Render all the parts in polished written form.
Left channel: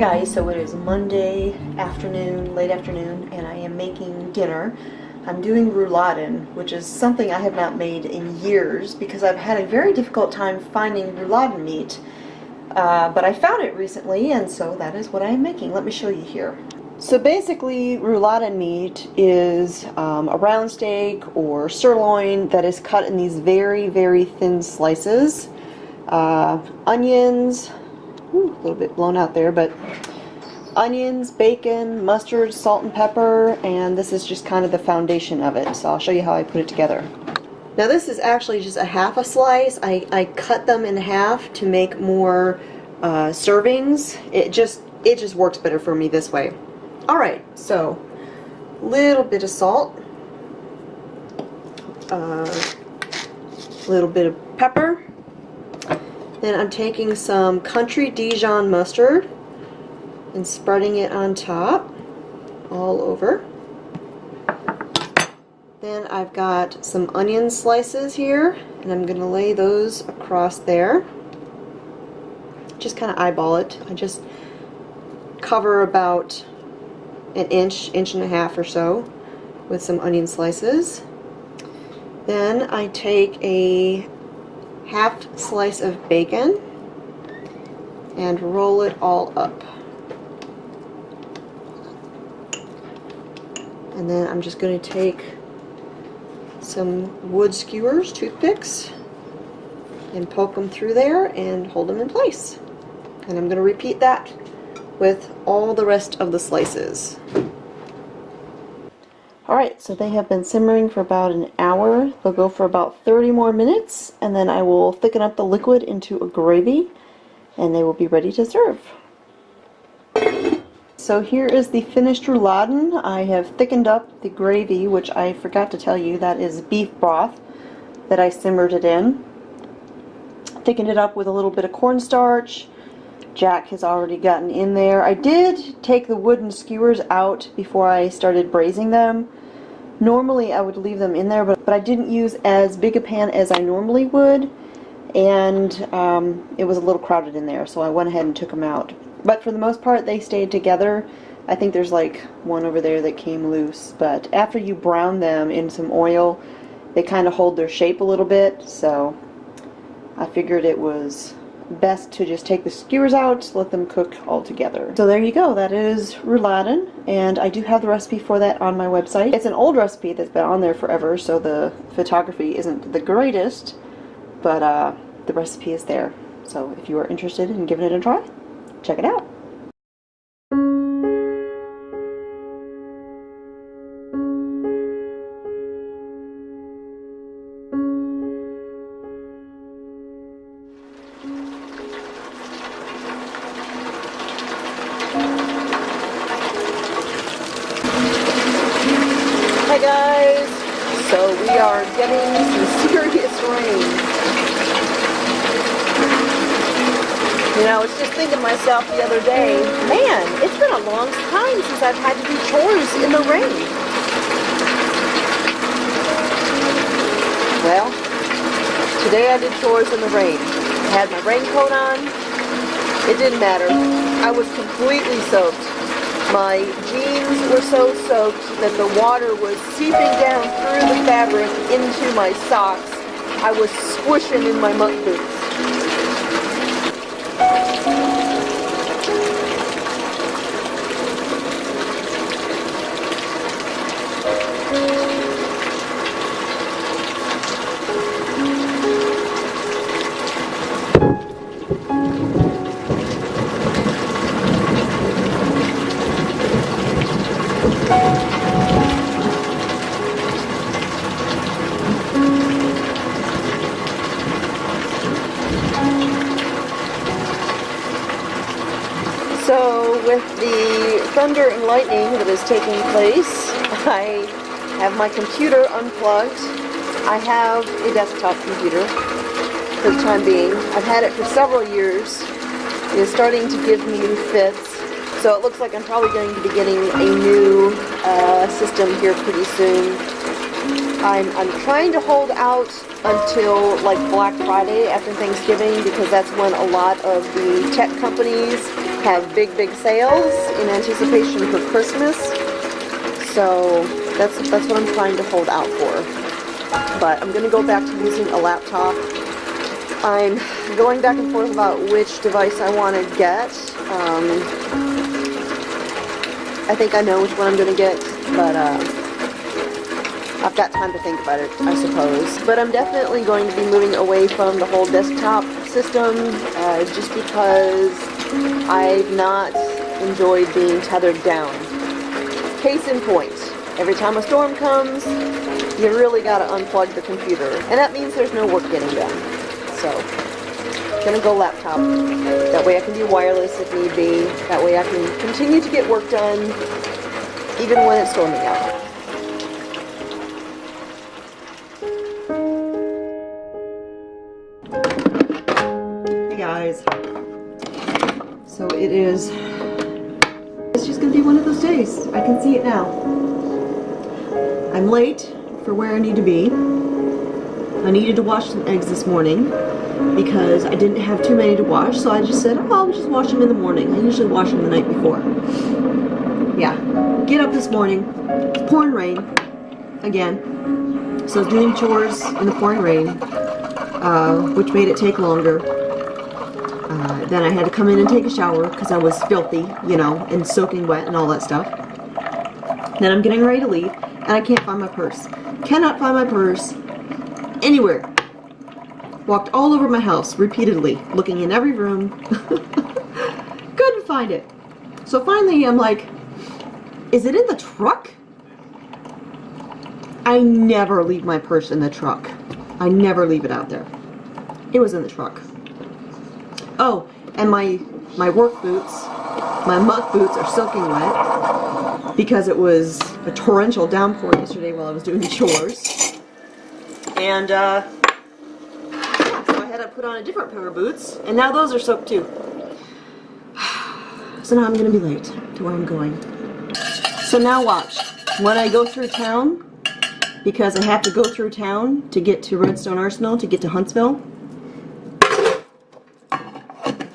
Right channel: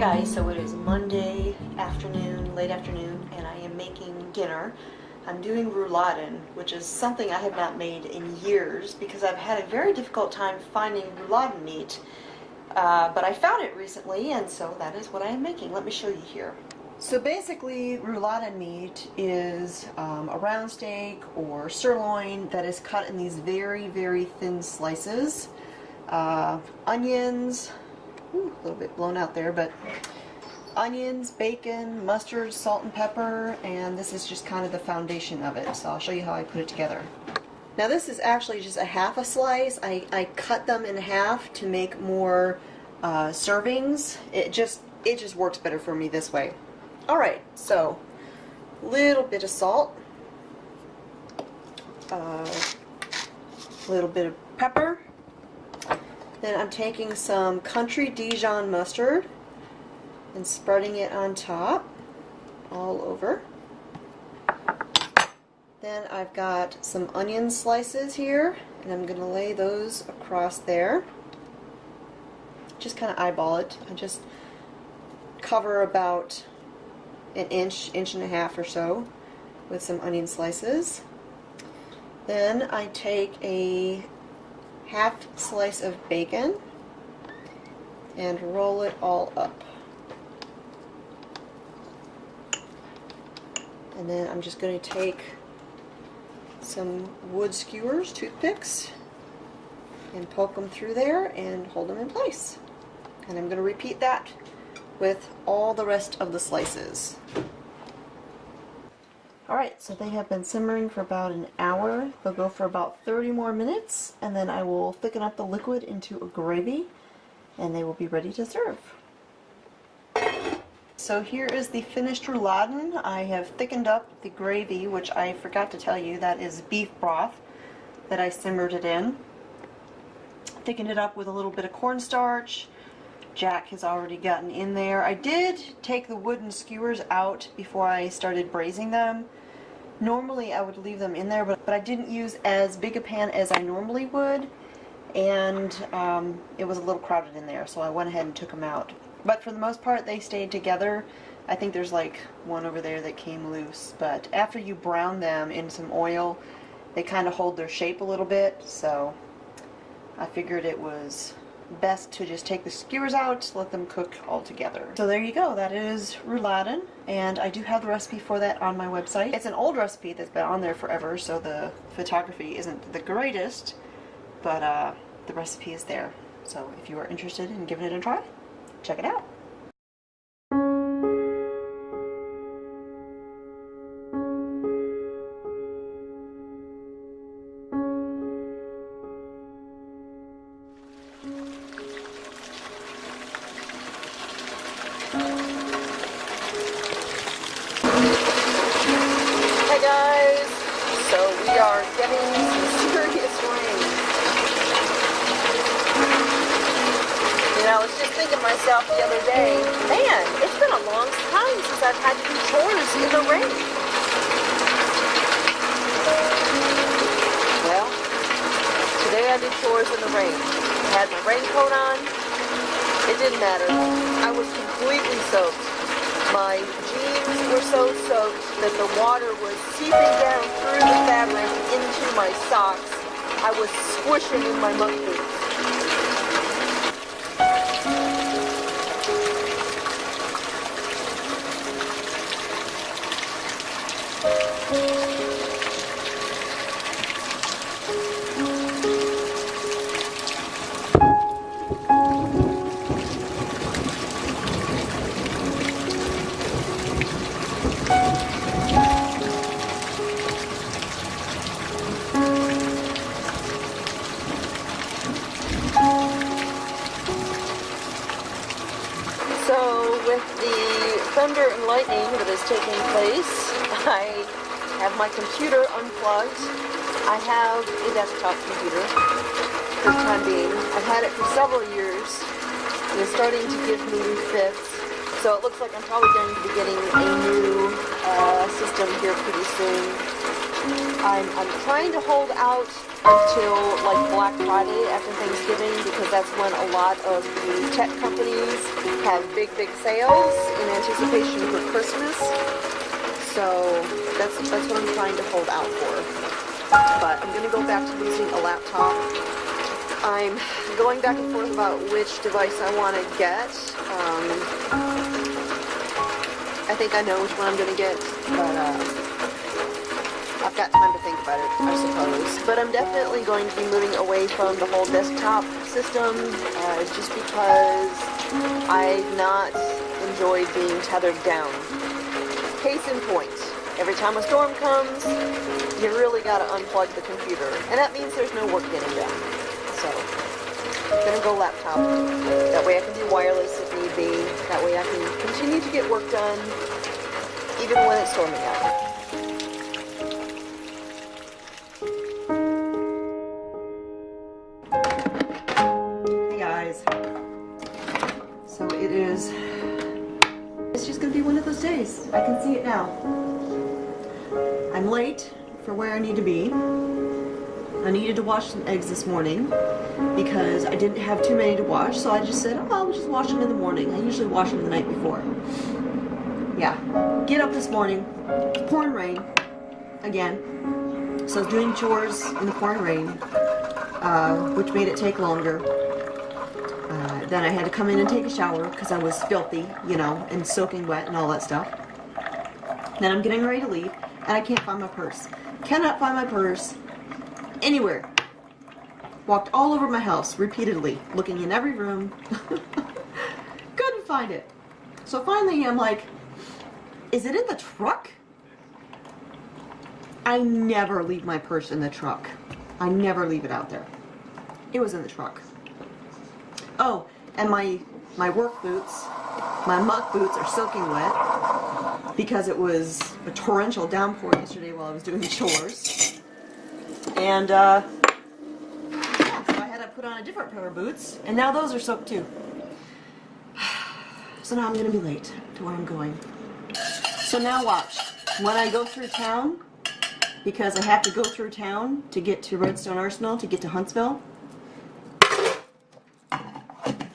guys, so it is Monday afternoon, late afternoon, and I am making dinner. I'm doing rouladen, which is something I have not made in years because I've had a very difficult time finding rouladen meat. But I found it recently, and so that is what I am making. Let me show you here. So basically, rouladen meat is a round steak or sirloin that is cut in these very, very thin slices. Onions, a little bit blown out there, but onions, bacon, mustard, salt and pepper, and this is just kind of the foundation of it. So I'll show you how I put it together. Now this is actually just a half a slice. I cut them in half to make more servings. It just works better for me this way. Alright, so a little bit of salt, a little bit of pepper. Then I'm taking some country Dijon mustard and spreading it on top, all over. Then I've got some onion slices here, and I'm going to lay those across there. Just kind of eyeball it. I just cover about an inch, inch and a half or so with some onion slices. Then I take a half slice of bacon and roll it all up. And then I'm just going to take some wood skewers, toothpicks, and poke them through there and hold them in place. And I'm going to repeat that with all the rest of the slices. Alright, so they have been simmering for about an hour. They'll go for about 30 more minutes, and then I will thicken up the liquid into a gravy, and they will be ready to serve. So here is the finished rouladen. I have thickened up the gravy, which I forgot to tell you, that is beef broth that I simmered it in. Thickened it up with a little bit of cornstarch. Jack has already gotten in there. I did take the wooden skewers out before I started braising them. Normally I would leave them in there, but I didn't use as big a pan as I normally would, and it was a little crowded in there, so I went ahead and took them out. But for the most part they stayed together. I think there's like one over there that came loose, but after you brown them in some oil, they kind of hold their shape a little bit, so I figured it was best to just take the skewers out, let them cook all together. So there you go, that is rouladen, and I do have the recipe for that on my website. It's an old recipe that's been on there forever, so the photography isn't the greatest, but the recipe is there. So if you are interested in giving it a try, check it out. Hi guys, so we are getting some serious rain. You know, I was just thinking to myself the other day, man, it's been a long time since I've had to do chores in the rain. Well, today I did chores in the rain. I had my raincoat on. It didn't matter. I was completely soaked. My jeans were so soaked that the water was seeping down through the fabric into my socks. I was squishing in my muck boots. So with the thunder and lightning that is taking place, I have my computer unplugged. I have a desktop computer for the time being. I've had it for several years. It is starting to give me fits. So it looks like I'm probably going to be getting a new system here pretty soon. I'm trying to hold out until like Black Friday after Thanksgiving, because that's when a lot of the tech companies have big sales in anticipation for Christmas. So that's what I'm trying to hold out for. But I'm going to go back to using a laptop. I'm going back and forth about which device I want to get. I think I know which one I'm going to get, but I've got time to think about it, I suppose. But I'm definitely going to be moving away from the whole desktop system, just because I've not enjoyed being tethered down. Case in point, every time a storm comes, you really got to unplug the computer, and that means there's no work getting done. So, I'm gonna go laptop. That way I can do wireless if need be. That way I can continue to get work done, even when it's storming out. Hey guys. So it's just gonna be one of those days. I can see it now. I'm late for where I need to be. I needed to wash some eggs this morning because I didn't have too many to wash, so I just said, oh, I'll just wash them in the morning. I usually wash them the night before. Yeah, get up this morning, it's pouring rain, again, so I was doing chores in the pouring rain, which made it take longer. Then I had to come in and take a shower because I was filthy, you know, and soaking wet and all that stuff. Then I'm getting ready to leave, and I can't find my purse. Cannot find my purse anywhere. Walked all over my house repeatedly, looking in every room. Couldn't find it. So finally I'm like, is it in the truck? I never leave my purse in the truck. I never leave it out there. It was in the truck. Oh, and my work boots, my muck boots are soaking wet because it was a torrential downpour yesterday while I was doing chores. And so I had to put on a different pair of boots, and now those are soaked too. So now I'm going to be late to where I'm going. So now watch. When I go through town, because I have to go through town to get to Redstone Arsenal, to get to Huntsville,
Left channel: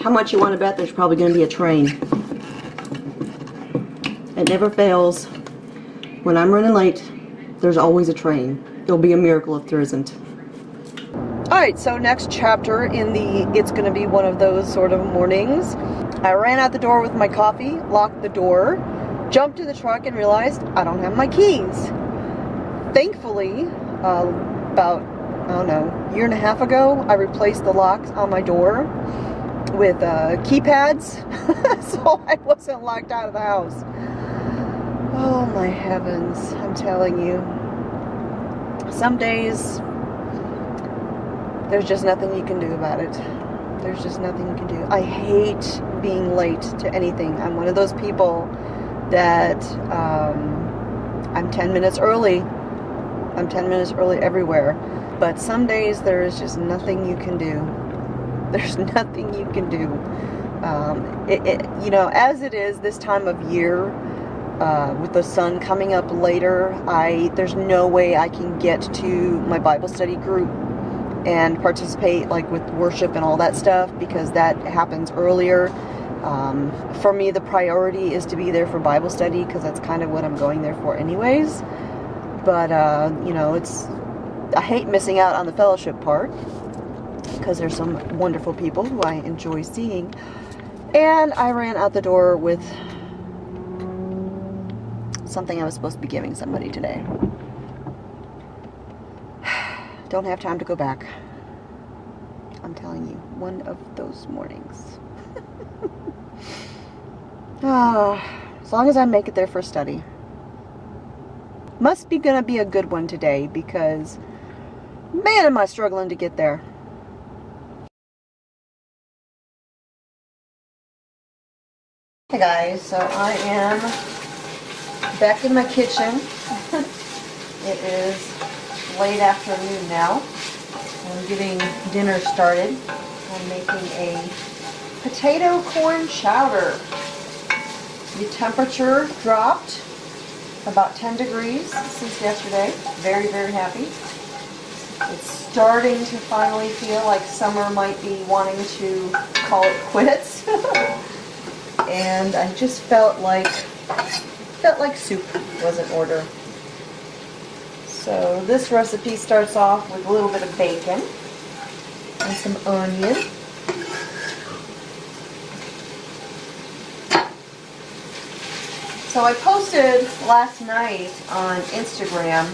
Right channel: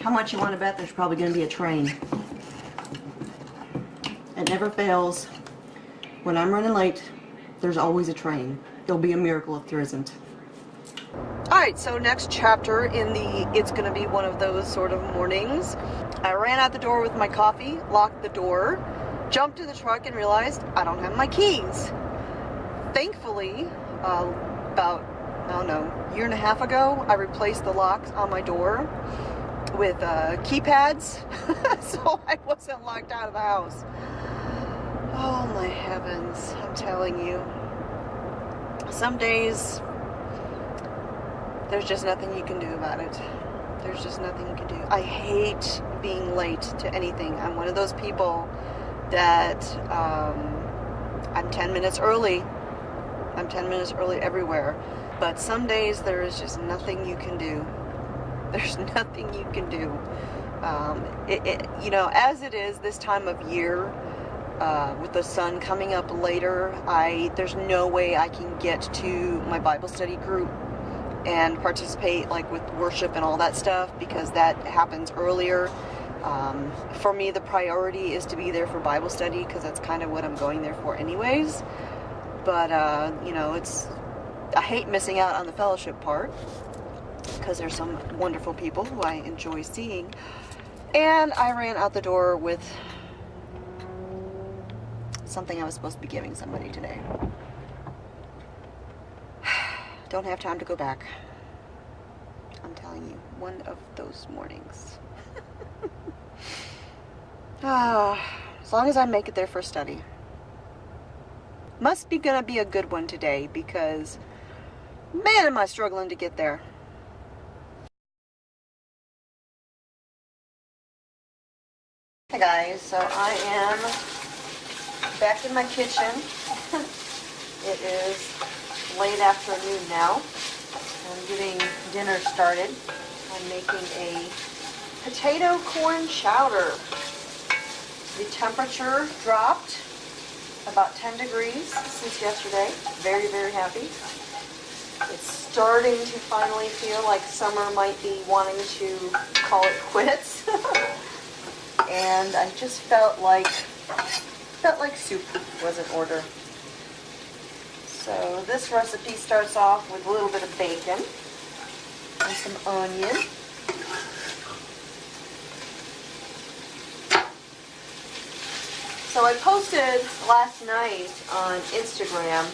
how much you want to bet there's probably going to be a train. It never fails. When I'm running late, there's always a train. It'll be a miracle if there isn't. Alright, so next chapter in the it's gonna be one of those sort of mornings. I ran out the door with my coffee, locked the door, jumped to the truck and realized I don't have my keys. Thankfully, about, I don't know, a year and a half ago, I replaced the locks on my door with keypads, so I wasn't locked out of the house. Oh my heavens, I'm telling you. Some days, there's just nothing you can do about it. There's just nothing you can do. I hate being late to anything. I'm one of those people that I'm 10 minutes early. I'm 10 minutes early everywhere. But some days there is just nothing you can do. There's nothing you can do. You know, as it is this time of year, with the sun coming up later, there's no way I can get to my Bible study group and participate like with worship and all that stuff, because that happens earlier. For me, the priority is to be there for Bible study, because that's kind of what I'm going there for anyways. But you know, I hate missing out on the fellowship part, because there's some wonderful people who I enjoy seeing. And I ran out the door with something I was supposed to be giving somebody today. Don't have time to go back. I'm telling you, one of those mornings. As long as I make it there for study. Must be gonna be a good one today, because man, am I struggling to get there. Hey guys, so I am back in my kitchen. It is late afternoon now. I'm getting dinner started. I'm making a potato corn chowder. The temperature dropped about 10 degrees since yesterday. Very, very happy. It's starting to finally feel like summer might be wanting to call it quits. And I just felt like soup was in order. So this recipe starts off with a little bit of bacon and some onion. So I posted last night on Instagram,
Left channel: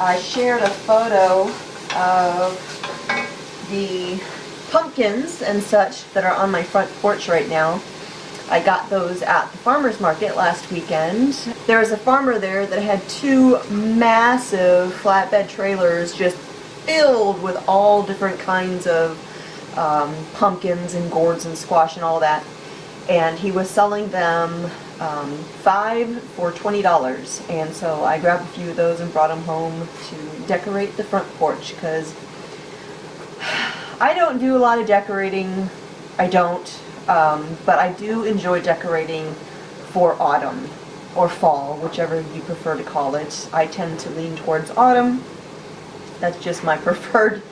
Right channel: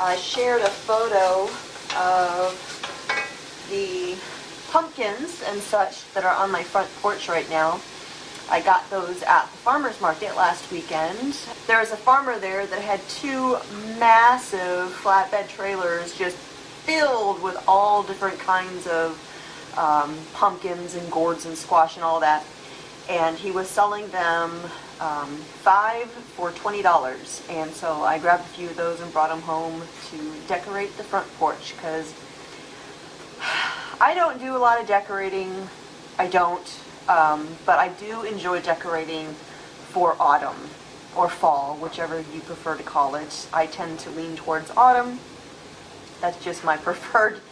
I shared a photo of the pumpkins and such that are on my front porch right now. I got those at the farmer's market last weekend. There was a farmer there that had 2 massive flatbed trailers just filled with all different kinds of pumpkins and gourds and squash and all that. And he was selling them 5 for $20, and so I grabbed a few of those and brought them home to decorate the front porch, because I don't do a lot of decorating. I don't, but I do enjoy decorating for autumn or fall, whichever you prefer to call it. I tend to lean towards autumn. That's just my preferred,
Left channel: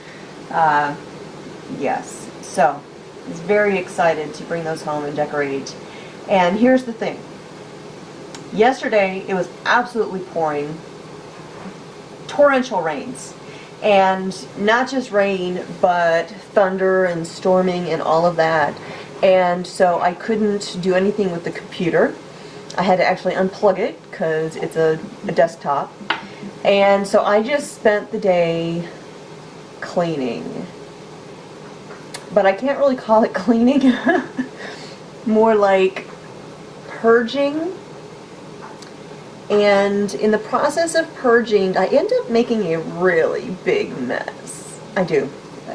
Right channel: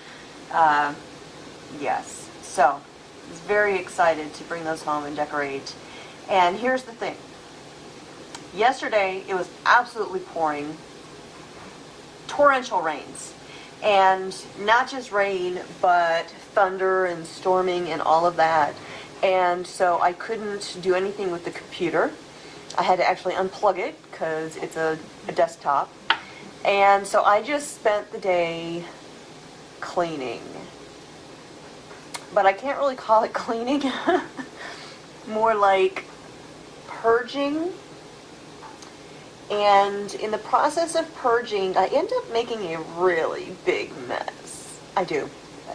yes. So I was very excited to bring those home and decorate. And here's the thing. Yesterday, it was absolutely pouring, torrential rains, and not just rain, but thunder and storming and all of that. And so I couldn't do anything with the computer. I had to actually unplug it because it's a desktop. And so I just spent the day cleaning. But I can't really call it cleaning. More like purging. And in the process of purging, I end up making a really big mess. I do.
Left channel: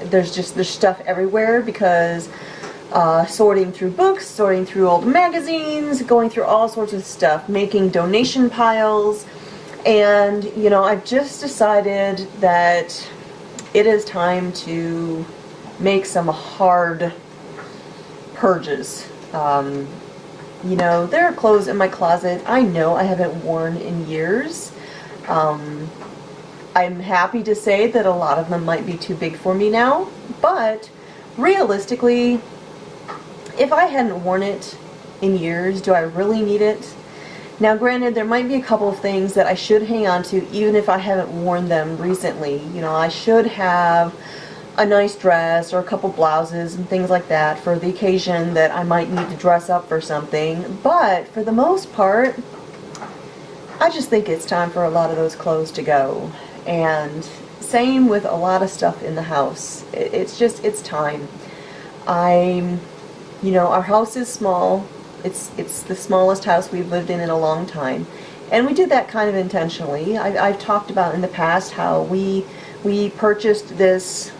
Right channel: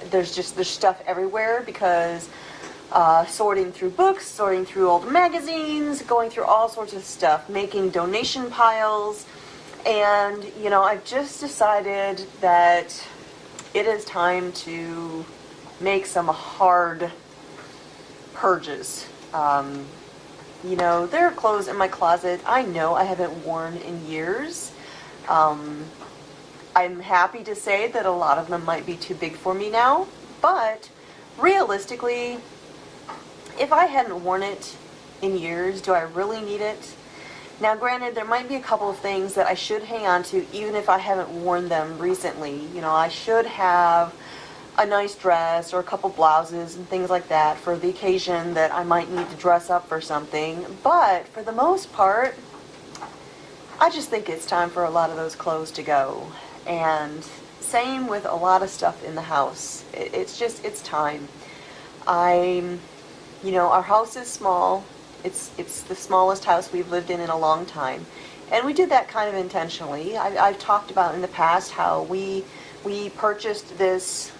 There's stuff everywhere because sorting through books, sorting through old magazines, going through all sorts of stuff, making donation piles. And, you know, I've just decided that it is time to make some hard purges. You know, there are clothes in my closet I know I haven't worn in years. I'm happy to say that a lot of them might be too big for me now, but realistically, if I hadn't worn it in years, do I really need it? Now, granted, there might be a couple of things that I should hang on to even if I haven't worn them recently. You know, I should have a nice dress or a couple blouses and things like that for the occasion that I might need to dress up for something. But for the most part, I just think it's time for a lot of those clothes to go. And same with a lot of stuff in the house. It's time. You know, our house is small. It's the smallest house we've lived in a long time. And we did that kind of intentionally. I've talked about in the past how we purchased this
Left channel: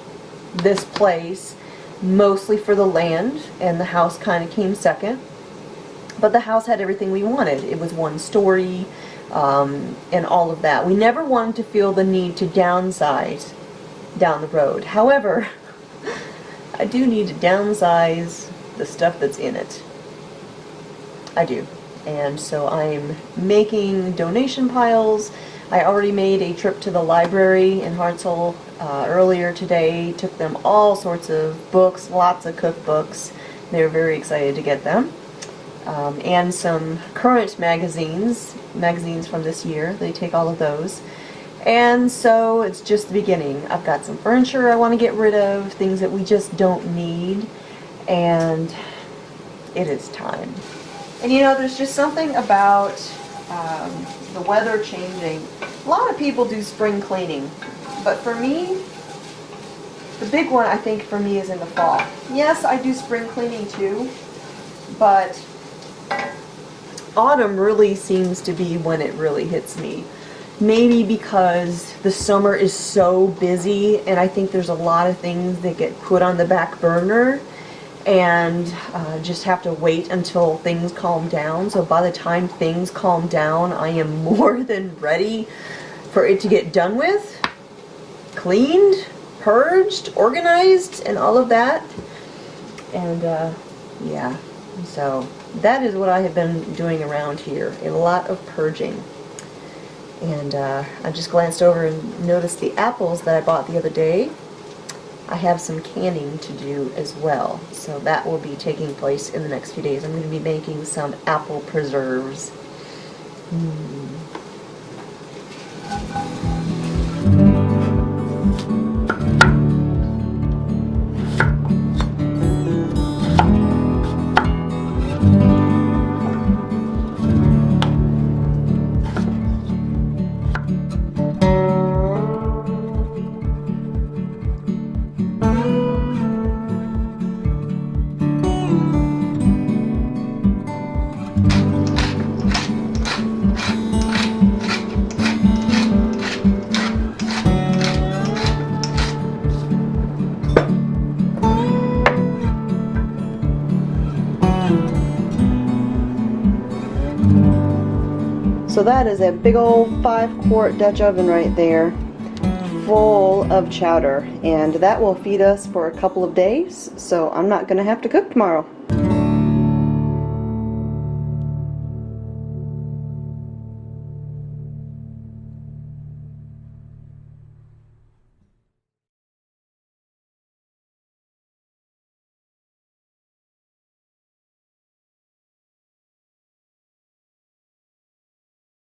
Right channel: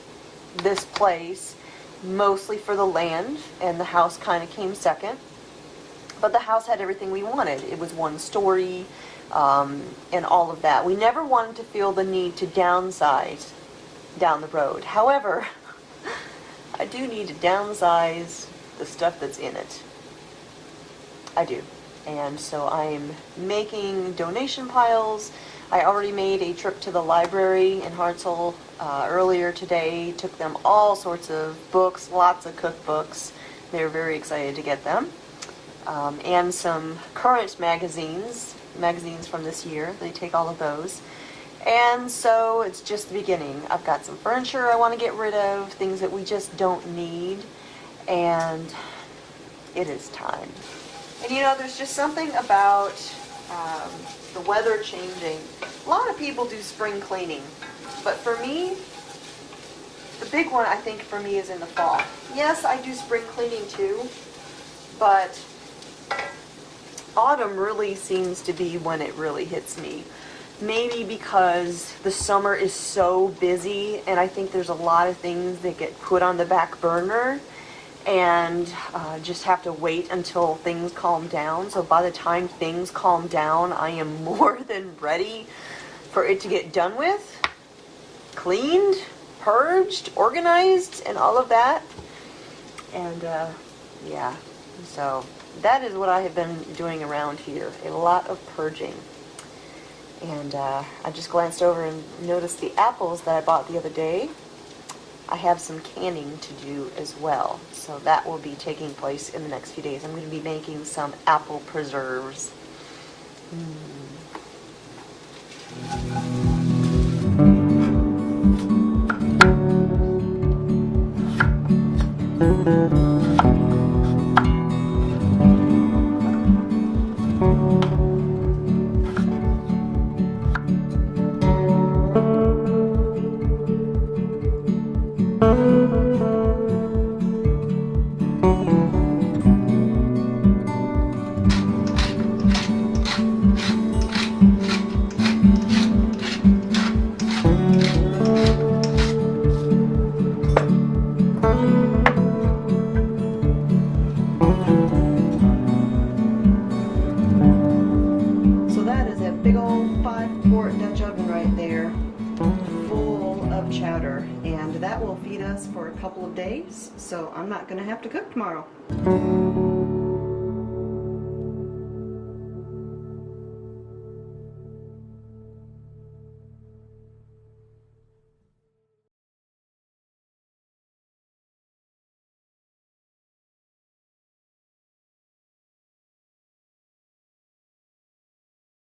place mostly for the land, and the house kind of came second. But the house had everything we wanted. It was one story, and all of that. We never wanted to feel the need to downsize down the road. However, I do need to downsize the stuff that's in it. I do. And so I'm making donation piles. I already made a trip to the library in Hartselle earlier today. Took them all sorts of books, lots of cookbooks. They were very excited to get them. And some current magazines from this year. They take all of those. And so it's just the beginning. I've got some furniture I want to get rid of, things that we just don't need, and it is time. And you know, there's just something about the weather changing. A lot of people do spring cleaning, but for me, the big one I think for me is in the fall. Yes, I do spring cleaning too, but autumn really seems to be when it really hits me. Maybe because the summer is so busy, and I think there's a lot of things that get put on the back burner and just have to wait until things calm down. So by the time things calm down, I am more than ready for it to get done with, cleaned, purged, organized, and all of that. And yeah, so that is what I have been doing around here. A lot of purging. And I just glanced over and noticed the apples that I bought the other day. I have some canning to do as well, so that will be taking place in the next few days. I'm going to be making some apple preserves. So that is a big old 5-quart Dutch oven right there, full of chowder, and that will feed us for a couple of days, so I'm not going to have to cook tomorrow.